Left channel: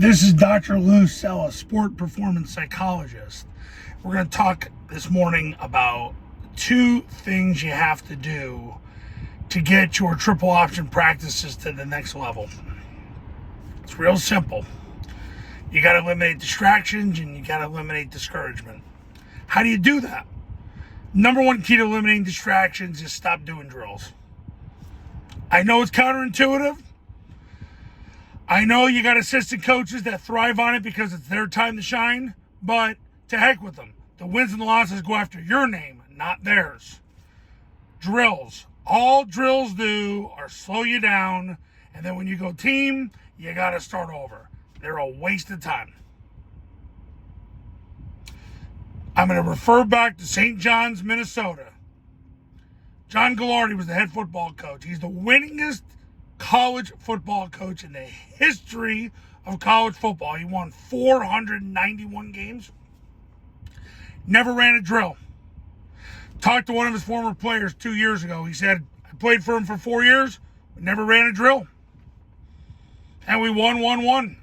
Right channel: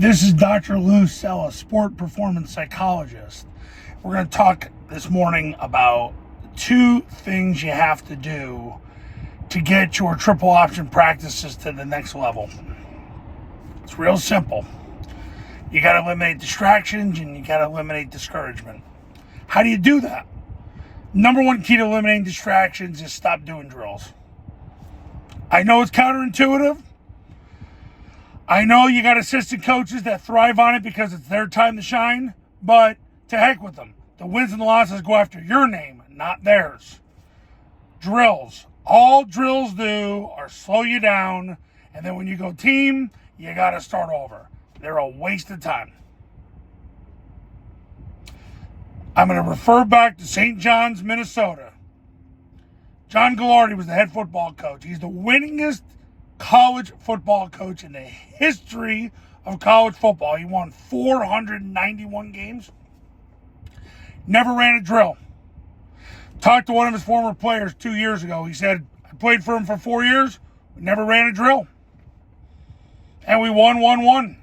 This is Dr. Lou Sella, sport performance psychologist. We're going to talk this morning about 2 things you have to do to get your triple option practices to the next level. It's real simple. You got to eliminate distractions and you got to eliminate discouragement. How do you do that? Number 1 key to eliminating distractions is stop doing drills. I know it's counterintuitive. I know you got assistant coaches that thrive on it because it's their time to shine, but to heck with them. The wins and the losses go after your name, not theirs. Drills. All drills do are slow you down, and then when you go team, you got to start over. They're a waste of time. I'm going to refer back to St. John's, Minnesota. John Gagliardi was the head football coach. He's the winningest college football coach in the history of college football. He won 491 games. Never ran a drill. Talked to one of his former players 2 years ago. He said, I played for him for 4 years, but never ran a drill. And we won.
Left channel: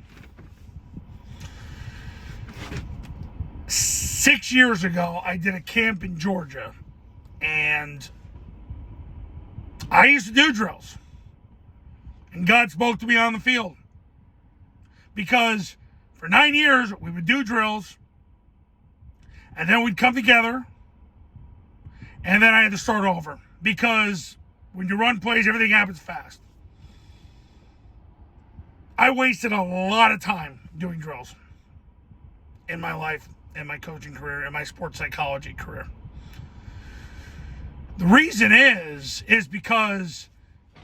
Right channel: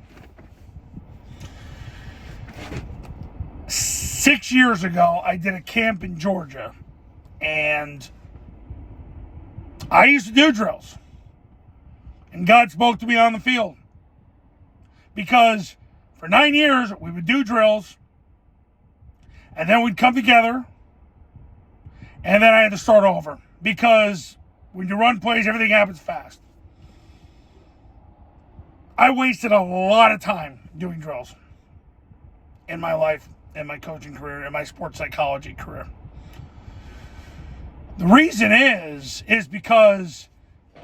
6 years ago, I did a camp in Georgia, and I used to do drills. And God spoke to me on the field. Because for 9 years, we would do drills. And then we'd come together. And then I had to start over. Because when you run plays, everything happens fast. I wasted a lot of time doing drills. In my life, in my coaching career, in my sports psychology career. The reason is because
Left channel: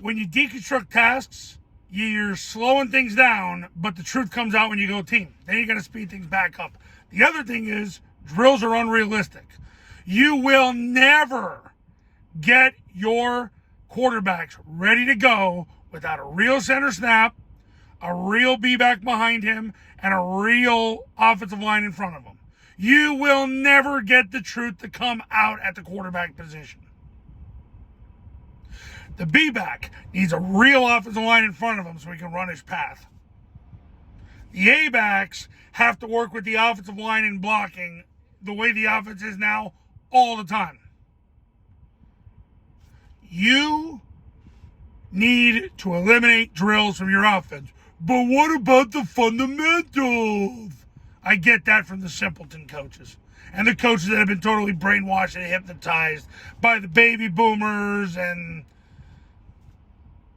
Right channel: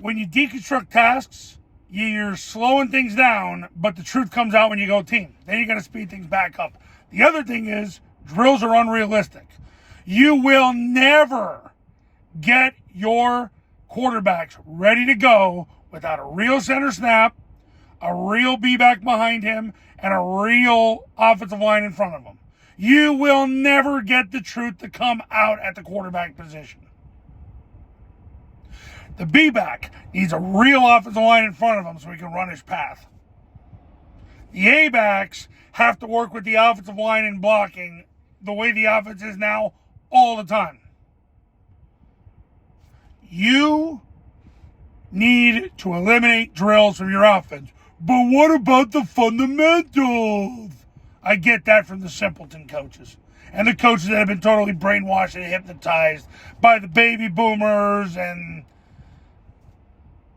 when you deconstruct tasks, you're slowing things down, but the truth comes out when you go team. Then you got to speed things back up. The other thing is drills are unrealistic. You will never get your quarterbacks ready to go without a real center snap, a real B-back behind him, and a real offensive line in front of him. You will never get the truth to come out at the quarterback position. The B-back needs a real offensive line in front of him so he can run his path. The A-backs have to work with the offensive line in blocking the way the offense is now all the time. You need to eliminate drills from your offense. But what about the fundamentals? I get that from the simpleton coaches. And the coaches that have been totally brainwashed and hypnotized by the baby boomers and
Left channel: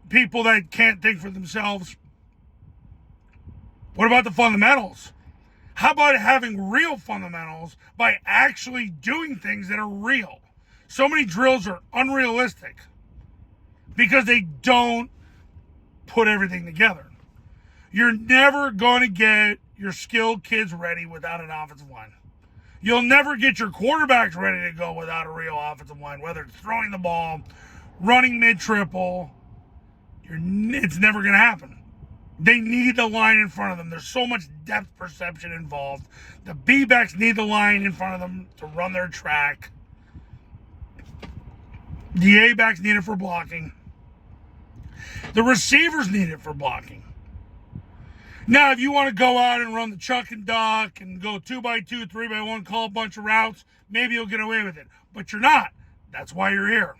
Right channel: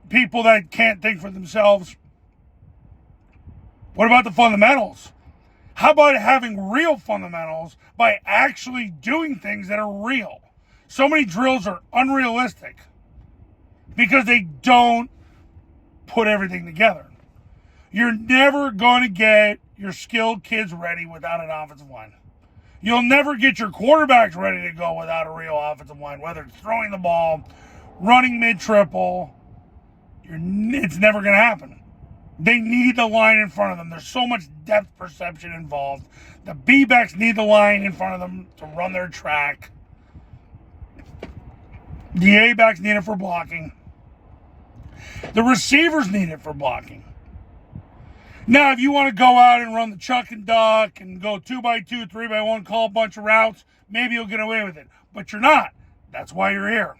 people that can't think for themselves. What about the fundamentals? How about having real fundamentals by actually doing things that are real? So many drills are unrealistic because they don't put everything together. You're never going to get your skilled kids ready without an offensive line. You'll never get your quarterbacks ready to go without a real offensive line, whether it's throwing the ball, running mid-triple. It's never going to happen. They need the line in front of them. There's so much depth perception involved. The B-backs need the line in front of them to run their track. The A-backs need it for blocking. The receivers need it for blocking. Now, if you want to go out and run the chuck and duck and go 2x2, 3x1, call a bunch of routes, maybe you'll get away with it. But you're not. That's why you're here.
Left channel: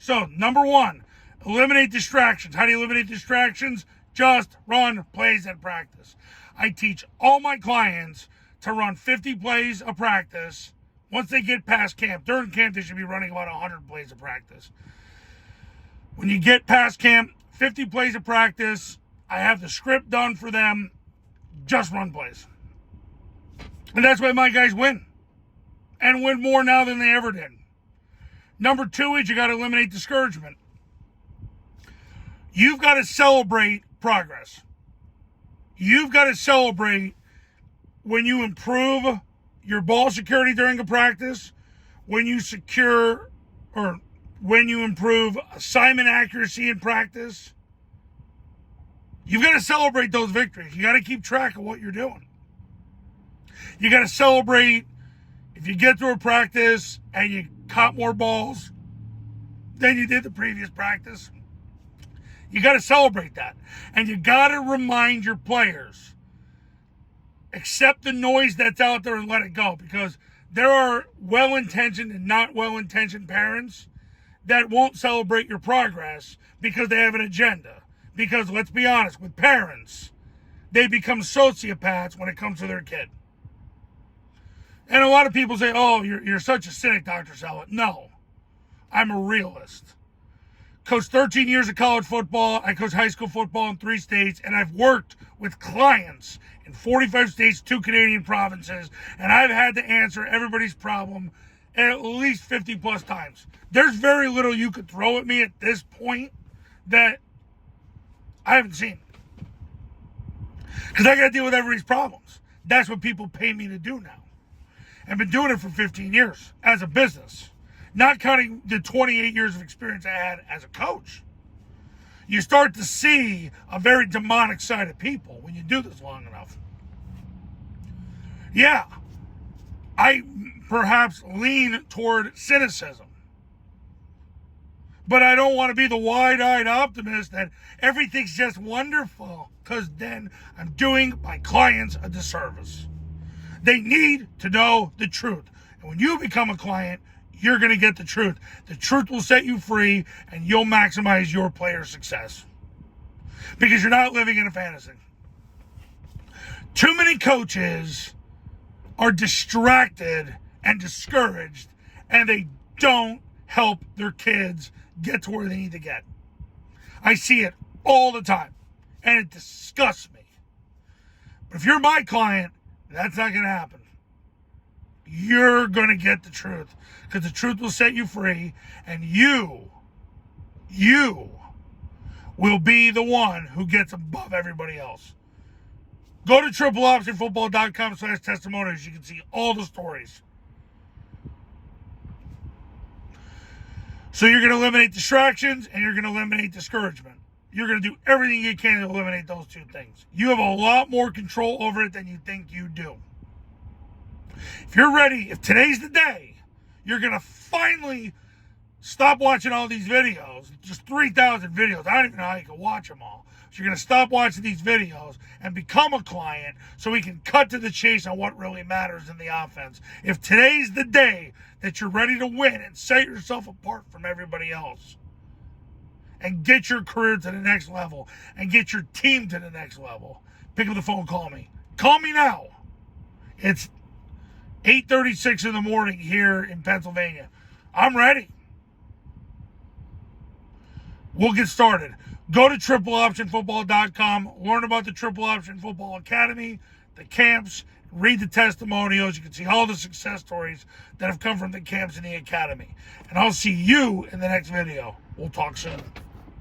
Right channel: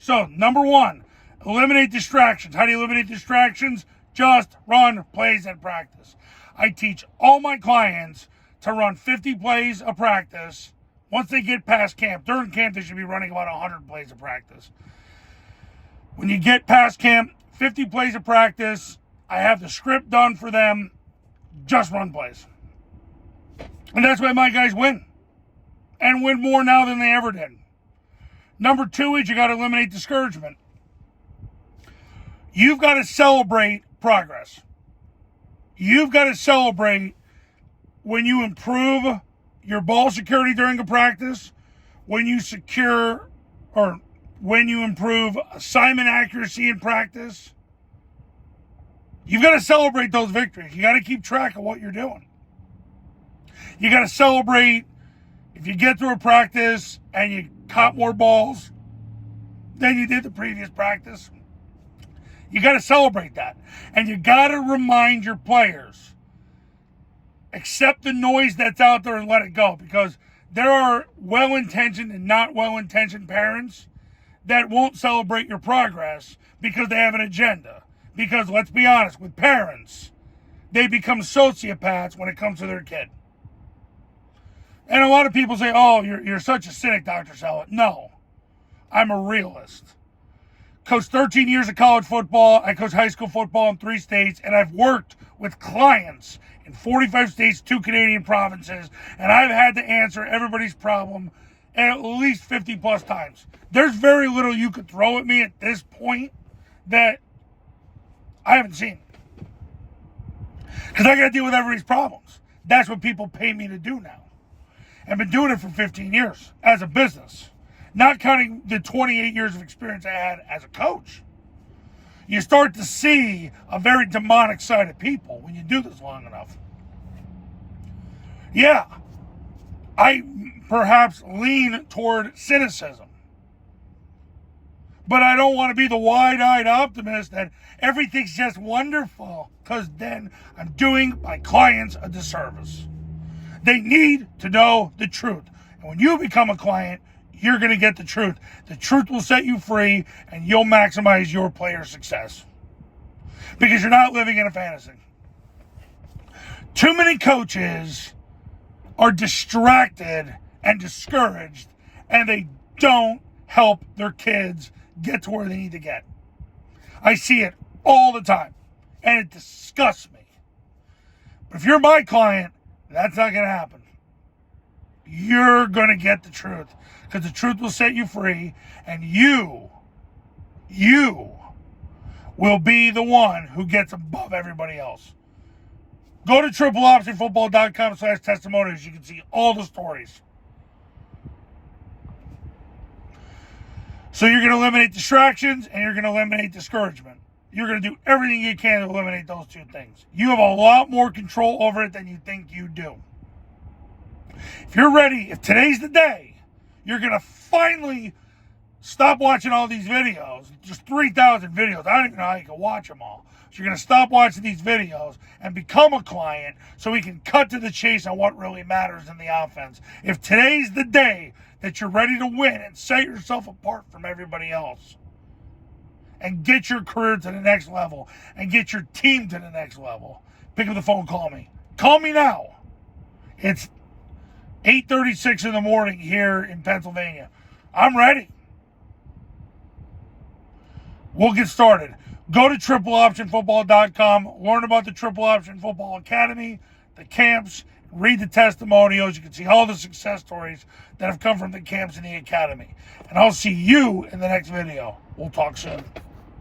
So, number 1. Eliminate distractions. How do you eliminate distractions? Just run plays at practice. I teach all my clients to run 50 plays a practice. Once they get past camp, during camp, they should be running about 100 plays of practice. When you get past camp, 50 plays of practice, I have the script done for them. Just run plays. And that's why my guys win. And win more now than they ever did. Number 2 is you got to eliminate discouragement. You've got to celebrate progress. You've got to celebrate when you improve your ball security during a practice, when you improve assignment accuracy in practice. You've got to celebrate those victories. You got to keep track of what you're doing. You got to celebrate if you get through a practice and you caught more balls than you did the previous practice. You got to celebrate that. And you got to remind your players accept the noise that's out there and let it go, because there are well-intentioned and not well-intentioned parents that won't celebrate your progress because they have an agenda. Because let's be honest, with parents, they become sociopaths when it comes to their kid. And a lot of people say, oh, you're such a cynic, Dr. Saleh. No, I'm a realist. Coached 13 years of college football. I coached high school football in 3 states, and I've worked with clients in 45 states, 2 Canadian provinces, and I've had to answer everybody's problem at least 50 plus times. There's very little you could throw at me at this point that I haven't seen. Because I got to deal with everybody's problems. That's what people pay me to do now. I've been doing it for 15 years as a business, not counting the 28 years of experience I had as a coach. You start to see a very demonic side of people when you do this long enough. Yeah, I perhaps lean toward cynicism. But I don't want to be the wide-eyed optimist that everything's just wonderful, because then I'm doing my clients a disservice. They need to know the truth. And when you become a client, you're going to get the truth. The truth will set you free, and you'll maximize your player success. Because you're not living in a fantasy. Too many coaches are distracted and discouraged, and they don't help their kids get to where they need to get. I see it all the time, and it disgusts me. But if you're my client, that's not going to happen. You're going to get the truth, because the truth will set you free, and you will be the one who gets above everybody else. Go to tripleoptionfootball.com/testimonials. You can see all the stories. So you're going to eliminate distractions, and you're going to eliminate discouragement. You're going to do everything you can to eliminate those 2 things. You have a lot more control over it than you think you do. If you're ready, if today's the day, you're going to finally stop watching all these videos. Just 3,000 videos. I don't even know how you can watch them all. So you're going to stop watching these videos and become a client so we can cut to the chase on what really matters in the offense. If today's the day that you're ready to win and set yourself apart from everybody else and get your career to the next level and get your team to the next level, pick up the phone, call me. Call me now. It's 8:36 in the morning here in Pennsylvania. I'm ready. We'll get started. Go to tripleoptionfootball.com, learn about the Triple Option Football Academy, the camps, read the testimonials. You can see all the success stories that have come from the camps in the academy. And I'll see you in the next video. We'll talk soon.